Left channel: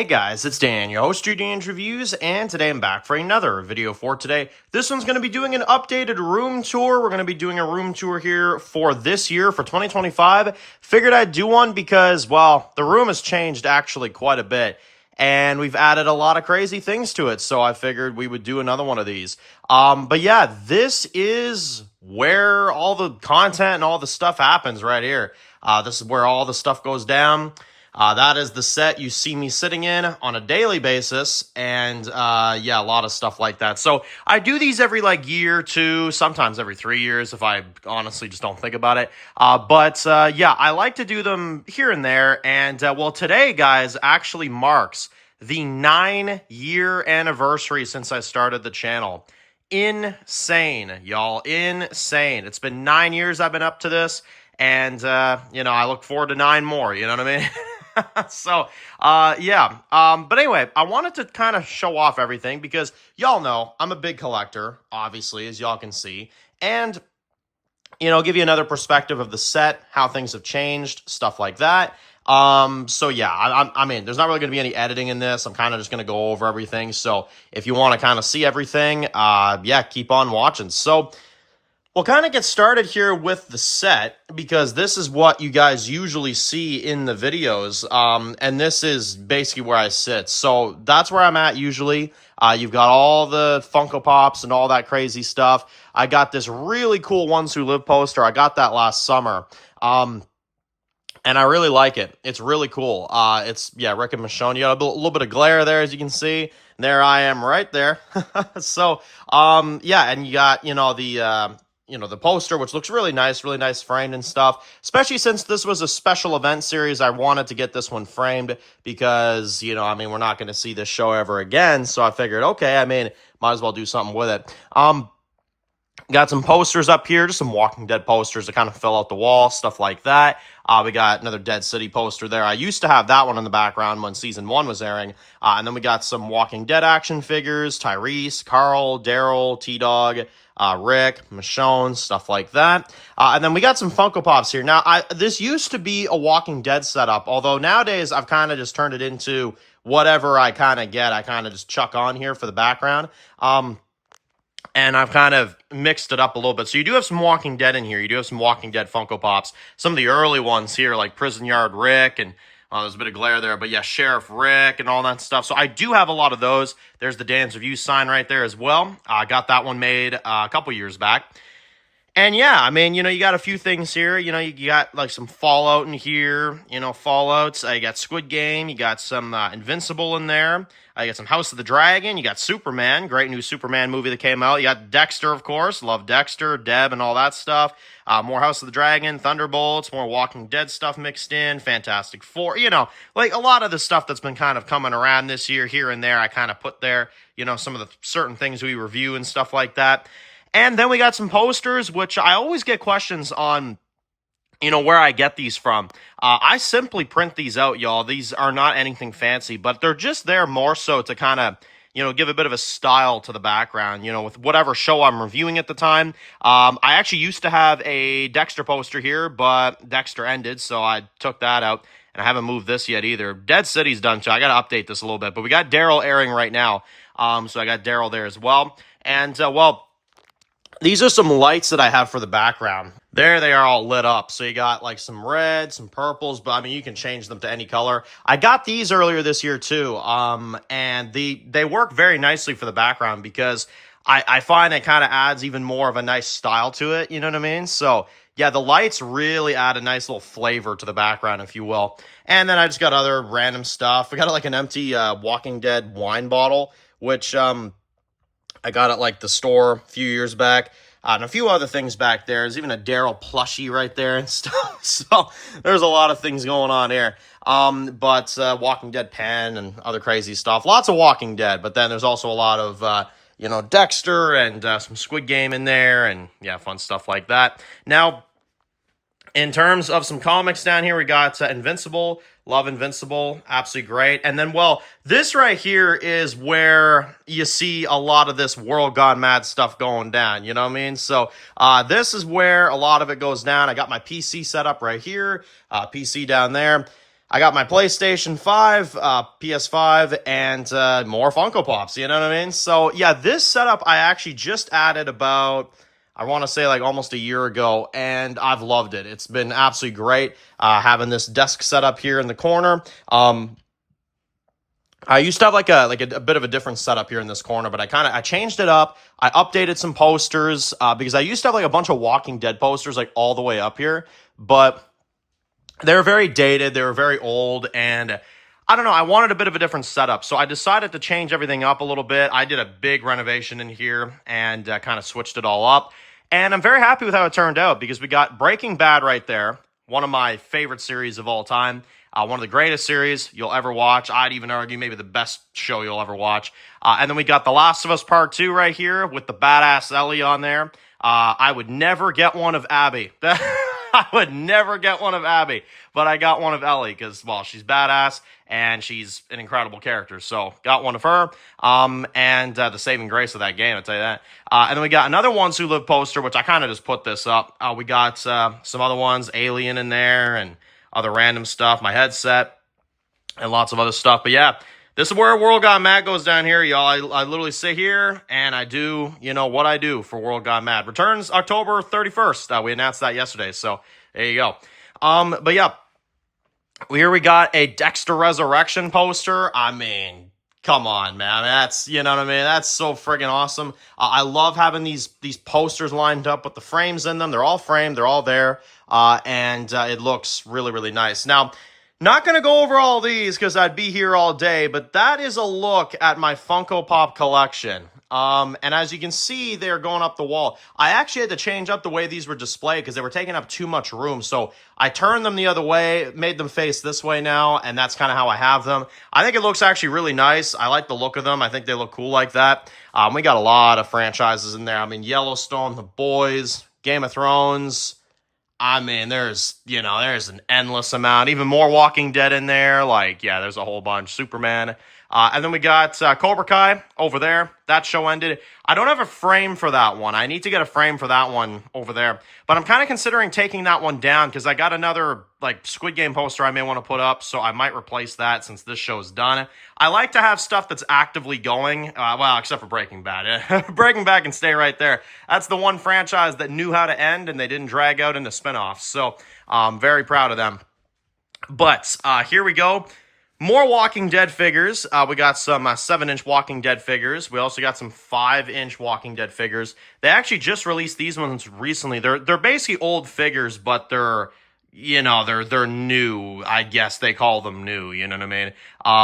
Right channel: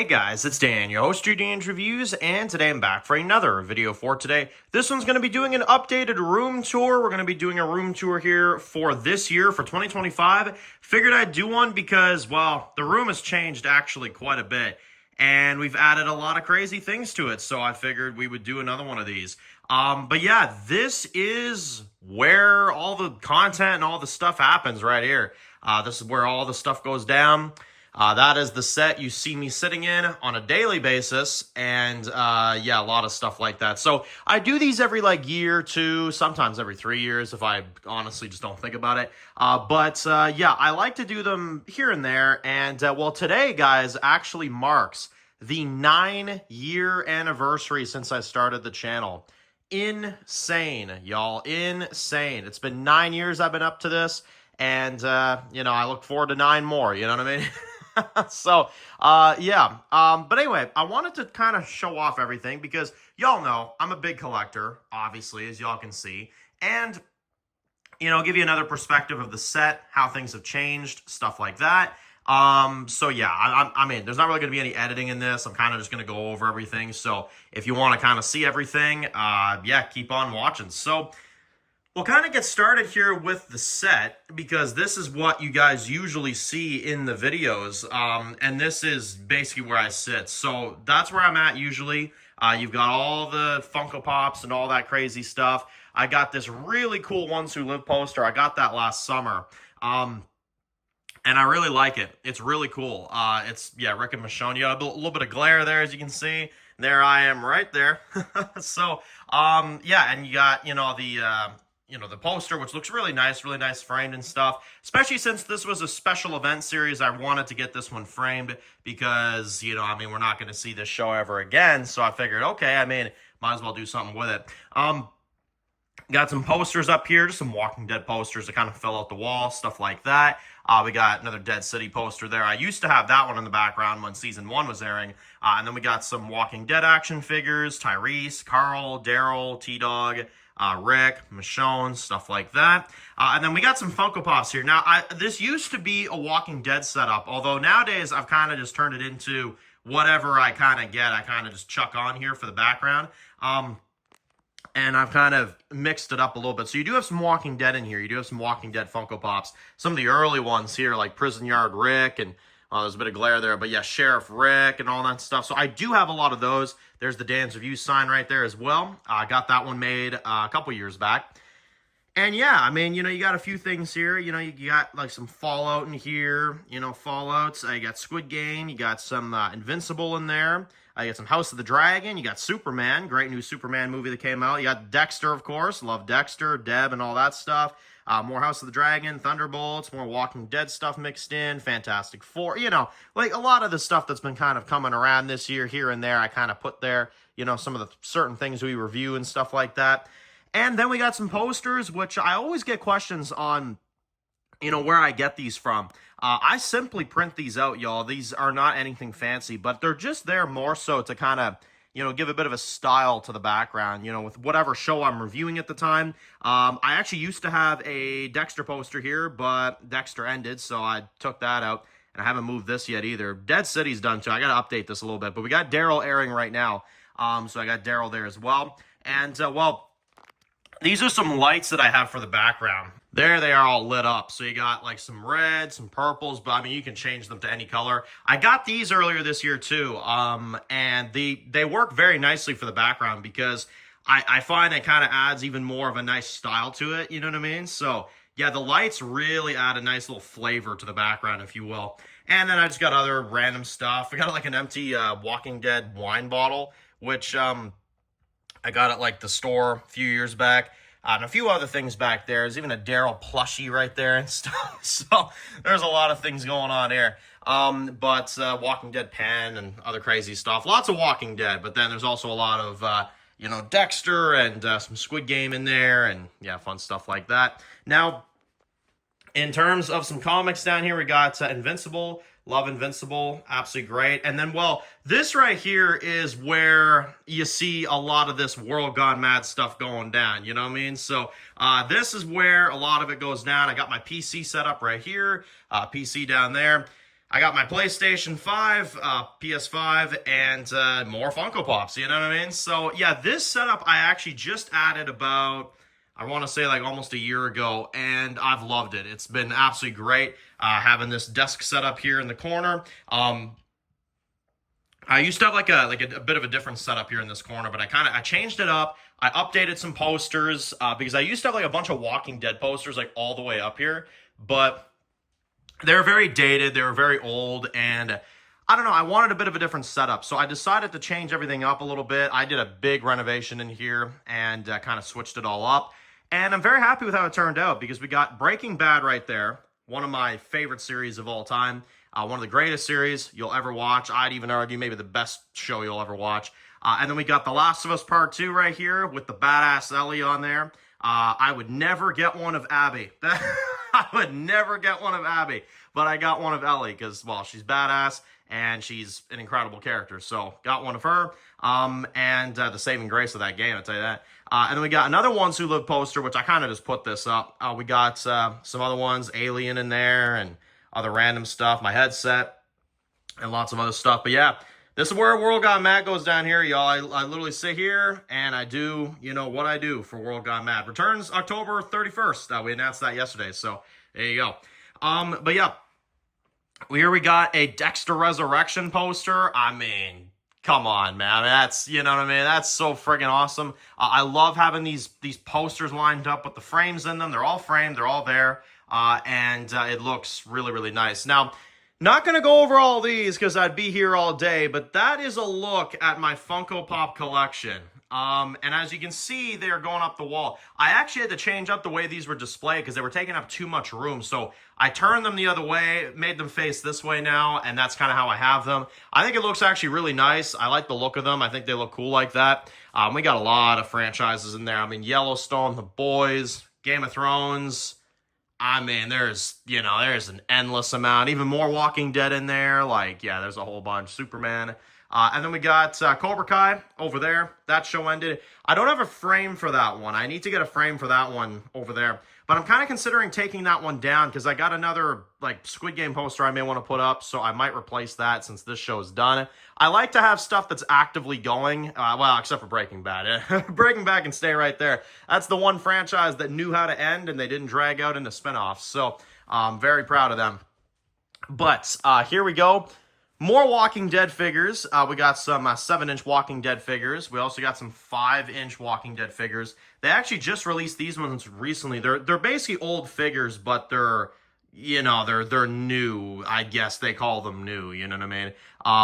Hey guys, it's Dan, your host of Dan's Reviews, and today I'm back for another video for today. This one's going to be doing an updated room tour. We're going to be doing a room tour here for this year, for 2025. Figured I'd do one because, well, the room has changed actually quite a bit, and we've added a lot of crazy things to it, so I figured we would do another one of these. But yeah, this is where all the content and all the stuff happens right here. This is where all the stuff goes down. That is the set you see me sitting in on a daily basis, and yeah, a lot of stuff like that. So I do these every year or two, sometimes every 3 years if I honestly just don't think about it. But yeah, I like to do them here and there, and well, today, guys, actually marks the 9-year anniversary since I started the channel. Insane, y'all, insane. It's been 9 years I've been up to this, and you know, I look forward to 9 more, you know what I mean? So, yeah. But anyway, I wanted to kind of show off everything because y'all know I'm a big collector, obviously, as y'all can see. And, you know, give you another perspective of the set, how things have changed, stuff like that. So yeah, I mean, there's not really going to be any editing in this. I'm kind of just going to go over everything. So if you want to kind of see everything, yeah, keep on watching. So we'll kind of get started here with the set because this is what you guys usually see in the videos, and this is basically where I sit. So that's where I'm at usually. You've got all the Funko Pops and all that crazy stuff. I got this really cool Ones Who Live poster. I got that last summer, and I really like it. It's really cool. It's, yeah, Rick and Michonne. You got a little bit of glare there, as you can see. There I am right there. So, yeah, and you got, you know, the poster, which looks really nice framed and stuff. Especially since this was a special event series, I wanted to get this one framed because, you know, I mean, we're not going to see this show ever again. So I figured, okay, I mean, might as well do something with it. Got some posters up here, just some Walking Dead posters to kind of fill out the wall, stuff like that. We got another Dead City poster there. I used to have that one in the background when Season 1 was airing. And then we got some Walking Dead action figures, Tyrese, Carl, Daryl, T-Dog, Rick, Michonne, stuff like that. And then we got some Funko Pops here. Now, this used to be a Walking Dead setup, although nowadays I've kind of just turned it into whatever I kind of get. I kind of just chuck on here for the background. And I've kind of mixed it up a little bit. So you do have some Walking Dead in here. You do have some Walking Dead Funko Pops. Some of the early ones here, like Prison Yard Rick, and there's a bit of glare there, but yeah, Sheriff Rick and all that stuff. So I do have a lot of those. There's the Dan's Review sign right there as well. I got that one made a couple years back. And yeah, I mean, you know, you got a few things here. You know, you got like some Fallout in here, you know, Fallouts. You got Squid Game. You got some Invincible in there. You got some House of the Dragon. You got Superman, great new Superman movie that came out. You got Dexter, of course. Love Dexter, Deb, and all that stuff. More House of the Dragon, Thunderbolts, more Walking Dead stuff mixed in, Fantastic Four. You know, like a lot of the stuff that's been kind of coming around this year, here and there, I kind of put there, you know, some of the certain things we review and stuff like that. And then we got some posters, which I always get questions on, you know, where I get these from. I simply print these out, y'all. These are not anything fancy, but they're just there more so to kind of, you know, give a bit of a style to the background, you know, with whatever show I'm reviewing at the time. I actually used to have a Dexter poster here, but Dexter ended, so I took that out, and I haven't moved this yet either. Dead City's done too. I got to update this a little bit, but we got Daryl airing right now, so I got Daryl there as well. And, well, these are some lights that I have for the background. There they are all lit up. So you got like some reds, some purples, but I mean, you can change them to any color. I got these earlier this year too. And they work very nicely for the background because I find it kind of adds even more of a nice style to it. You know what I mean? So yeah, the lights really add a nice little flavor to the background, if you will. And then I just got other random stuff. We got like an empty Walking Dead wine bottle, which I got at like the store a few years back. And a few other things back there. There's even a Daryl plushie right there and stuff. So there's a lot of things going on here. But Walking Dead pen and other crazy stuff. Lots of Walking Dead. But then there's also a lot of, you know, Dexter and some Squid Game in there. And yeah, fun stuff like that. Now, in terms of some comics down here, we got Invincible. Love Invincible. Absolutely great. And then, well, this right here is where you see a lot of this World Gone Mad stuff going down. You know what I mean? So this is where a lot of it goes down. I got my PC set up right here. PC down there. I got my PlayStation 5, PS5, and more Funko Pops, you know what I mean? So, yeah, this setup I actually just added about, I want to say like almost a year ago, and I've loved it. It's been absolutely great having this desk set up here in the corner. I used to have like a bit of a different setup here in this corner, but I changed it up. I updated some posters because I used to have like a bunch of Walking Dead posters like all the way up here, but they were very dated, they were very old, and I don't know, I wanted a bit of a different setup. So I decided to change everything up a little bit. I did a big renovation in here and kind of switched it all up. And I'm very happy with how it turned out because we got Breaking Bad right there, one of my favorite series of all time. One of the greatest series you'll ever watch. I'd even argue maybe the best show you'll ever watch. And then we got The Last of Us Part 2 right here with the badass Ellie on there. I would never get one of Abby. I would never get one of Abby, but I got one of Ellie because, well, she's badass and she's an incredible character. So got one of her, and the saving grace of that game, I'll tell you that. And then we got another Ones Who Live poster, which I kind of just put this up. We got some other ones, Alien in there and other random stuff, my headset, and lots of other stuff. But yeah, this is where World Got Mad goes down here, y'all. I literally sit here and I do, what I do for World Got Mad. Returns October 31st. We announced that yesterday, so there you go. But yeah, here we got a Dexter Resurrection poster. I mean, come on, man. That's, you know what I mean? That's so friggin' awesome. I love having these posters lined up with the frames in them. They're all framed. They're all there. And it looks really, really nice. Now, not going to go over all these because I'd be here all day, but that is a look at my Funko Pop collection. And as you can see, they're going up the wall. I actually had to change up the way these were displayed because they were taking up too much room. So I turned them the other way, made them face this way now, and that's kind of how I have them. I think it looks actually really nice. I like the look of them. I think they look cool like that. We got a lot of franchises in there. I mean, Yellowstone, The Boys, Game of Thrones. I mean, there's an endless amount. Even more Walking Dead in there. Like, yeah, there's a whole bunch. Superman. And then we got Cobra Kai over there. That show ended. I don't have a frame for that one. I need to get a frame for that one over there. But I'm kind of considering taking that one down because I got another like Squid Game poster I may want to put up. So I might replace that since this show's done. I like to have stuff that's actively going. Well, except for Breaking Bad. Breaking Bad can stay right there. That's the one franchise that knew how to end and they didn't drag out into spinoffs. So I'm very proud of them. But here we go. More Walking Dead figures. We got some 7-inch Walking Dead figures. We also got some 5-inch Walking Dead figures. They actually just released these ones recently. They're basically old figures, but they're new. I guess they call them new. You know what I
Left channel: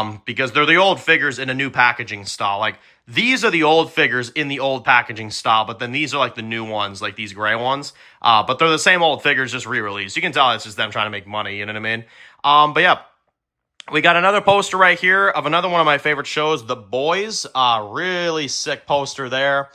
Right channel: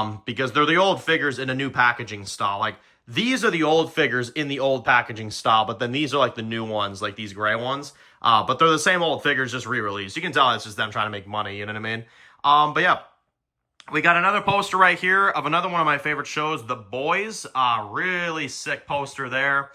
mean? Because they're the old figures in a new packaging style. Like these are the old figures in the old packaging style, but then these are like the new ones, like these gray ones. But they're the same old figures, just re-released. You can tell it's just them trying to make money. You know what I mean? But yeah. We got another poster right here of another one of my favorite shows, The Boys. Really sick poster there.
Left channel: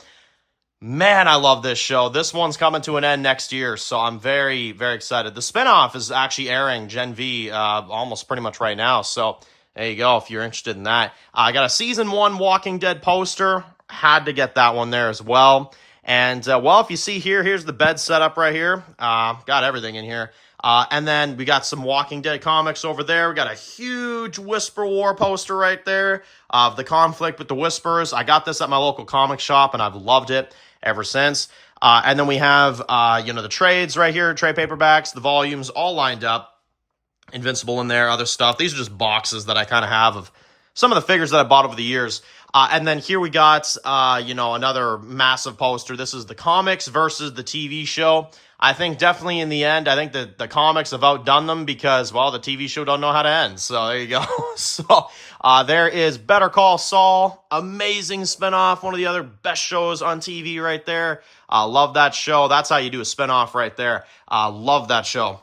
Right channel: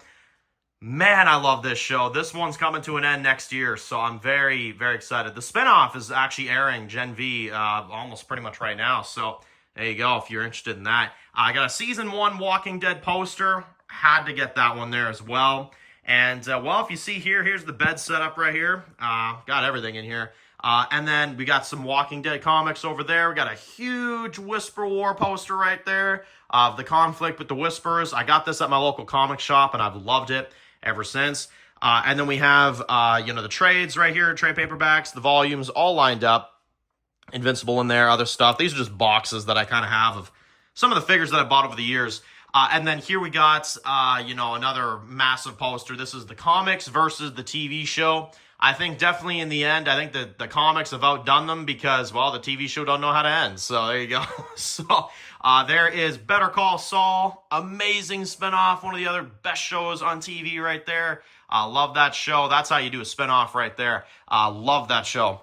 Man, I love this show. This one's coming to an end next year, so I'm very, very excited. The spinoff is actually airing Gen V almost pretty much right now, so there you go if you're interested in that. I got a Season 1 Walking Dead poster. Had to get that one there as well. And, well, if you see here, here's the bed setup right here. Got everything in here. And then we got some Walking Dead comics over there. We got a huge Whisper War poster right there of the conflict with the Whispers. I got this at my local comic shop, and I've loved it ever since. And then we have, the trades right here, trade paperbacks, the volumes all lined up. Invincible in there, other stuff. These are just boxes that I kind of have of some of the figures that I bought over the years. And then here we got, another massive poster. This is the comics versus the TV show. I think definitely in the end, I think the comics have outdone them because, well, the TV show don't know how to end. So there you go. So there is Better Call Saul. Amazing spinoff. One of the other best shows on TV right there. Love that show. That's how you do a spinoff right there. Love that show.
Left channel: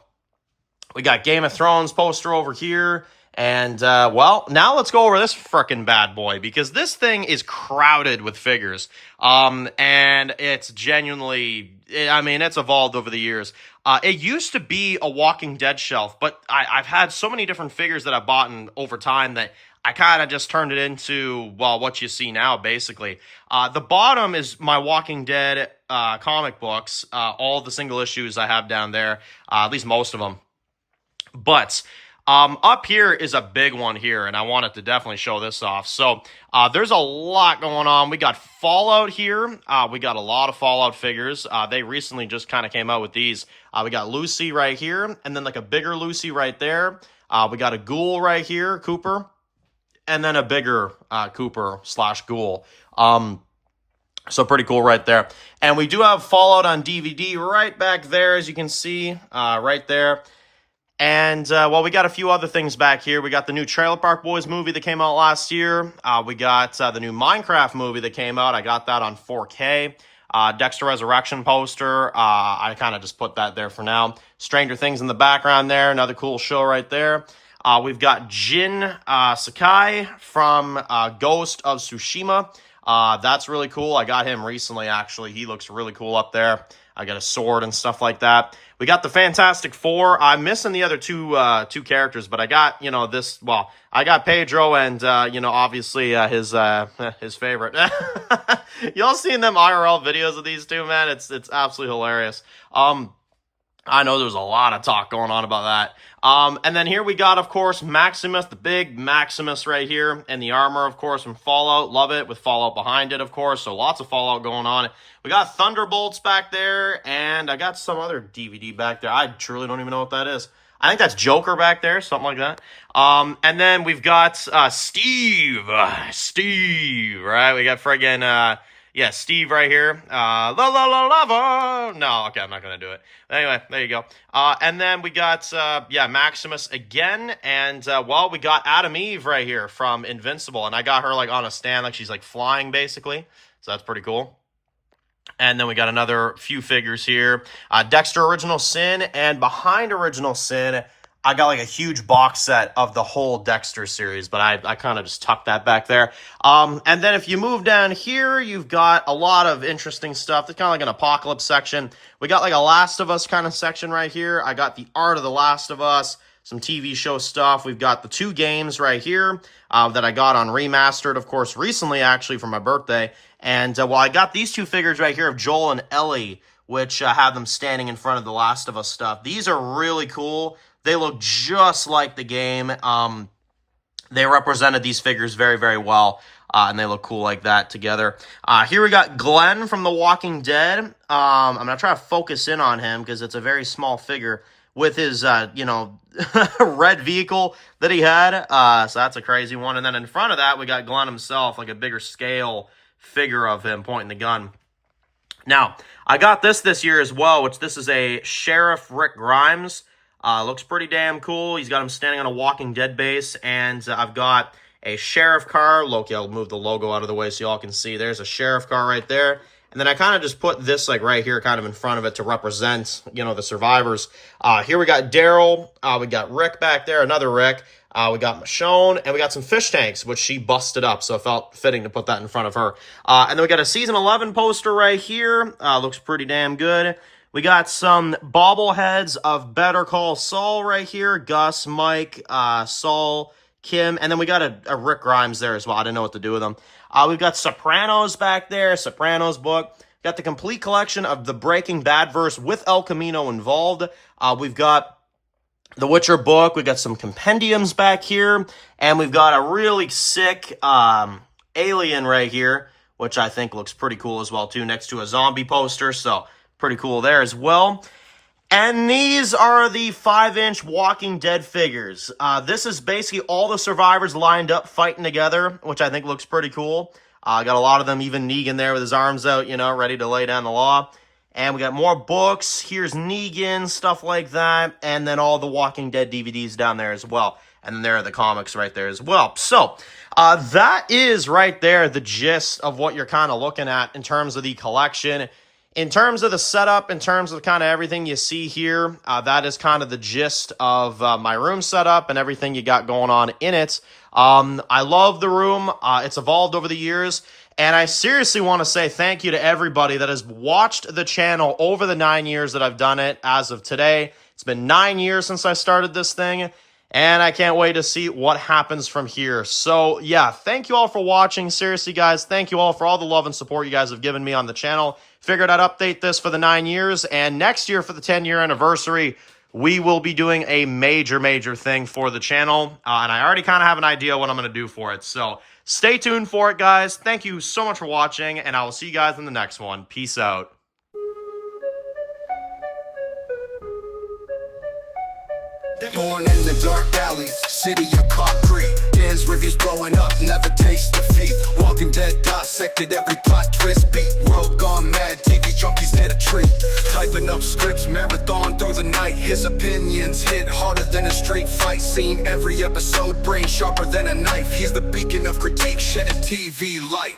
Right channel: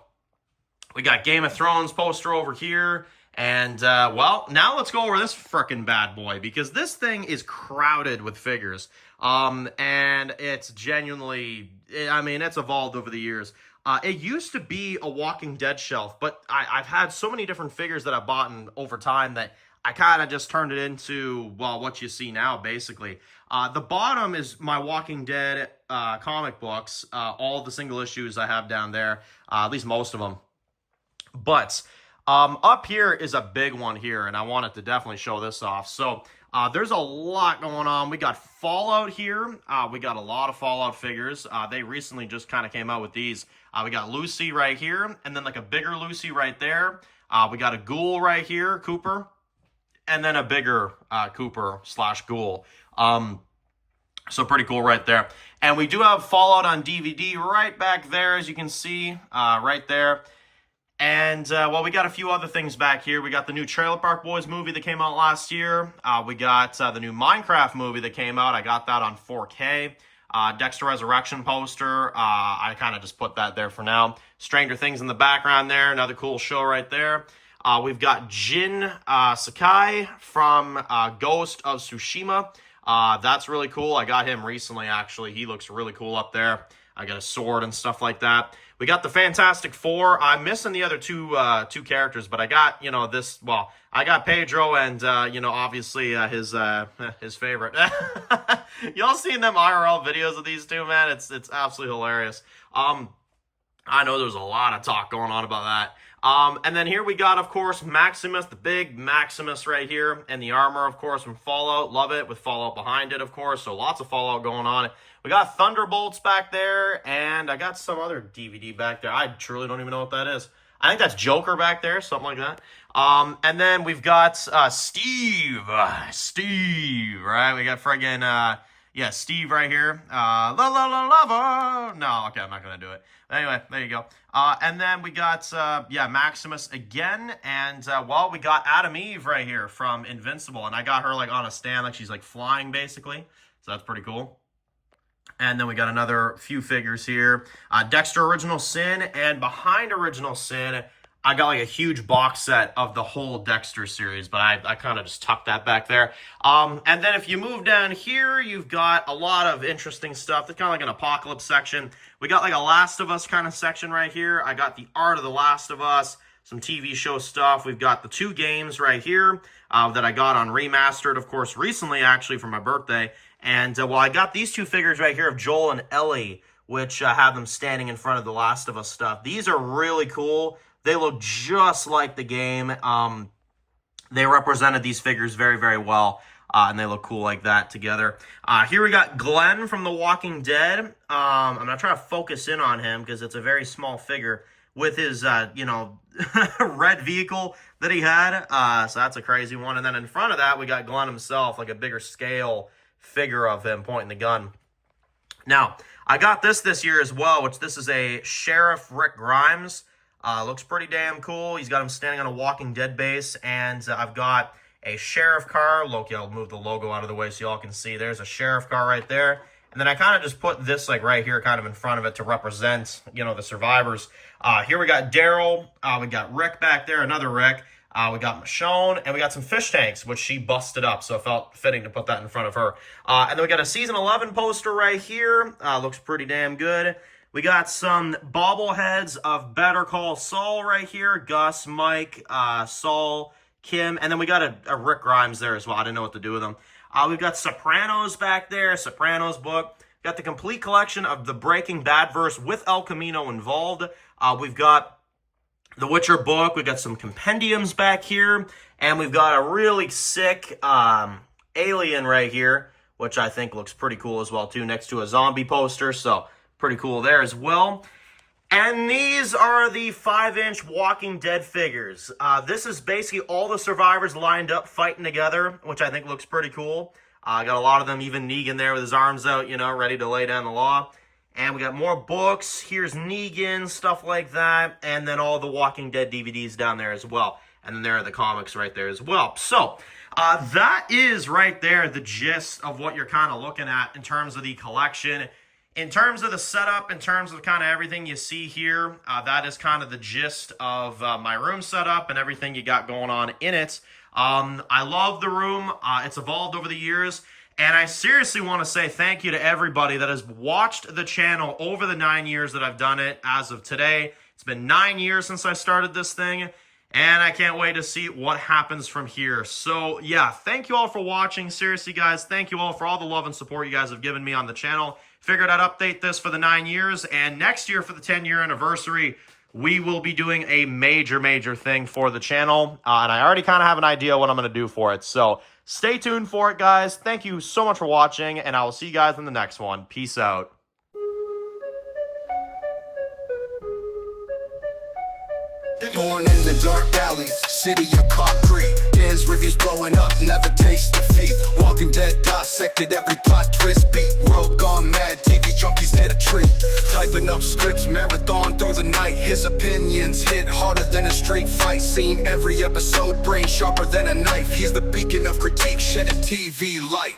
We got Game of Thrones poster over here. And, well, now let's go over this frickin' bad boy because this thing is crowded with figures. And it's genuinely, it's evolved over the years. It used to be a Walking Dead shelf, but I've had so many different figures that I've bought over time that I kind of just turned it into, well, what you see now, basically. The bottom is my Walking Dead comic books, all the single issues I have down there, at least most of them. But Up here is a big one here, and I wanted to definitely show this off. So there's a lot going on. We got Fallout here. We got a lot of Fallout figures. They recently just kind of came out with these. We got Lucy right here, and then like a bigger Lucy right there. We got a Ghoul right here, Cooper, and then a bigger Cooper slash Ghoul. So pretty cool right there. And we do have Fallout on DVD right back there, as you can see, right there. And, well, we got a few other things back here. We got the new Trailer Park Boys movie that came out last year. We got the new Minecraft movie that came out. I got that on 4K. Dexter Resurrection poster. I kind of just put that there for now. Stranger Things in the background there. Another cool show right there. We've got Jin Sakai from Ghost of Tsushima. That's really cool. I got him recently, actually. He looks really cool up there. I got a sword and stuff like that. We got the Fantastic Four. I'm missing the other two characters, but I got, this, well, I got Pedro and, obviously his favorite. Y'all seen them IRL videos of these two, man? It's absolutely hilarious. I know there's a lot of talk going on about that. And then here we got, of course, Maximus, the big Maximus right here, and the armor, of course, from Fallout. Love it, with Fallout behind it, of course, so lots of Fallout going on. We got Thunderbolts back there, and I got some other DVD back there. I truly don't even know what that is. I think that's Joker back there, something like that. And then we've got Steve, right? We got friggin'... yeah, Steve right here. Lava. No, okay, I'm not going to do it. Anyway, there you go. And then we got, Maximus again. And, we got Adam Eve right here from Invincible. And I got her, on a stand, she's, flying, basically. So that's pretty cool. And then we got another few figures here. Dexter Original Sin. And behind Original Sin, I got a huge box set of the whole Dexter series, but I kind of just tucked that back there. And then if you move down here, you've got a lot of interesting stuff. It's kind of like an apocalypse section. We got a Last of Us kind of section right here. I got the art of the Last of Us, some TV show stuff. We've got the 2 games right here that I got on Remastered, of course, recently, actually, for my birthday. And, I got these 2 figures right here of Joel and Ellie, which have them standing in front of the Last of Us stuff. These are really cool. They look just like the game. They represented these figures very, very well, and they look cool like that together. Here we got Glenn from The Walking Dead. I'm going to try to focus in on him because it's a very small figure with his, red vehicle that he had. So that's a crazy one. And then in front of that, we got Glenn himself, a bigger scale figure of him pointing the gun. Now, I got this year as well, which this is a Sheriff Rick Grimes. Looks pretty damn cool. He's got him standing on a Walking Dead base, and I've got a sheriff car. Loki, I'll move the logo out of the way so y'all can see. There's a sheriff car right there. And then I kind of just put this right here kind of in front of it to represent, the survivors. Here we got Daryl. We got Rick back there, another Rick. We got Michonne, and we got some fish tanks, which she busted up, so it felt fitting to put that in front of her. And then we got a Season 11 poster right here. Looks pretty damn good. We got some bobbleheads of Better Call Saul right here. Gus, Mike, Saul, Kim. And then we got a Rick Grimes there as well. I didn't know what to do with them. We've got Sopranos back there. Sopranos book. Got the complete collection of the Breaking Bad verse with El Camino involved. We've got the Witcher book. We've got some compendiums back here. And we've got a really sick alien right here, which I think looks pretty cool as well, too, next to a zombie poster. So pretty cool there as well. And these are the 5-inch Walking Dead figures. This is basically all the survivors lined up fighting together, which I think looks pretty cool. Got a lot of them, even Negan there with his arms out, ready to lay down the law. And we got more books. Here's Negan, stuff like that. And then all the Walking Dead DVDs down there as well. And then there are the comics right there as well. So that is right there the gist of what you're kind of looking at in terms of the collection. In terms of the setup, in terms of kind of everything you see here, that is kind of the gist of my room setup and everything you got going on in it. I love the room. It's evolved over the years. And I seriously want to say thank you to everybody that has watched the channel over the 9 years that I've done it as of today. It's been 9 years since I started this thing, and I can't wait to see what happens from here. So, yeah, thank you all for watching. Seriously, guys, thank you all for all the love and support you guys have given me on the channel. Figured I'd update this for the 9 years, and next year for the 10-year anniversary, we will be doing a major thing for the channel, and I already kind of have an idea what I'm going to do for it. So stay tuned for it, guys. Thank you so much for watching, and I will see you guys in the next one. Peace out. Born in the dark alleys, city of concrete. Dan's reviews blowing up, never taste defeat. Walking Dead dissected every plot twist beat. World gone mad, TV junkies hit a treat. Typing up scripts, marathon through the night. His opinions hit harder than a street fight scene. Every episode, brain sharper than a knife. He's the beacon of critique, shedding TV light.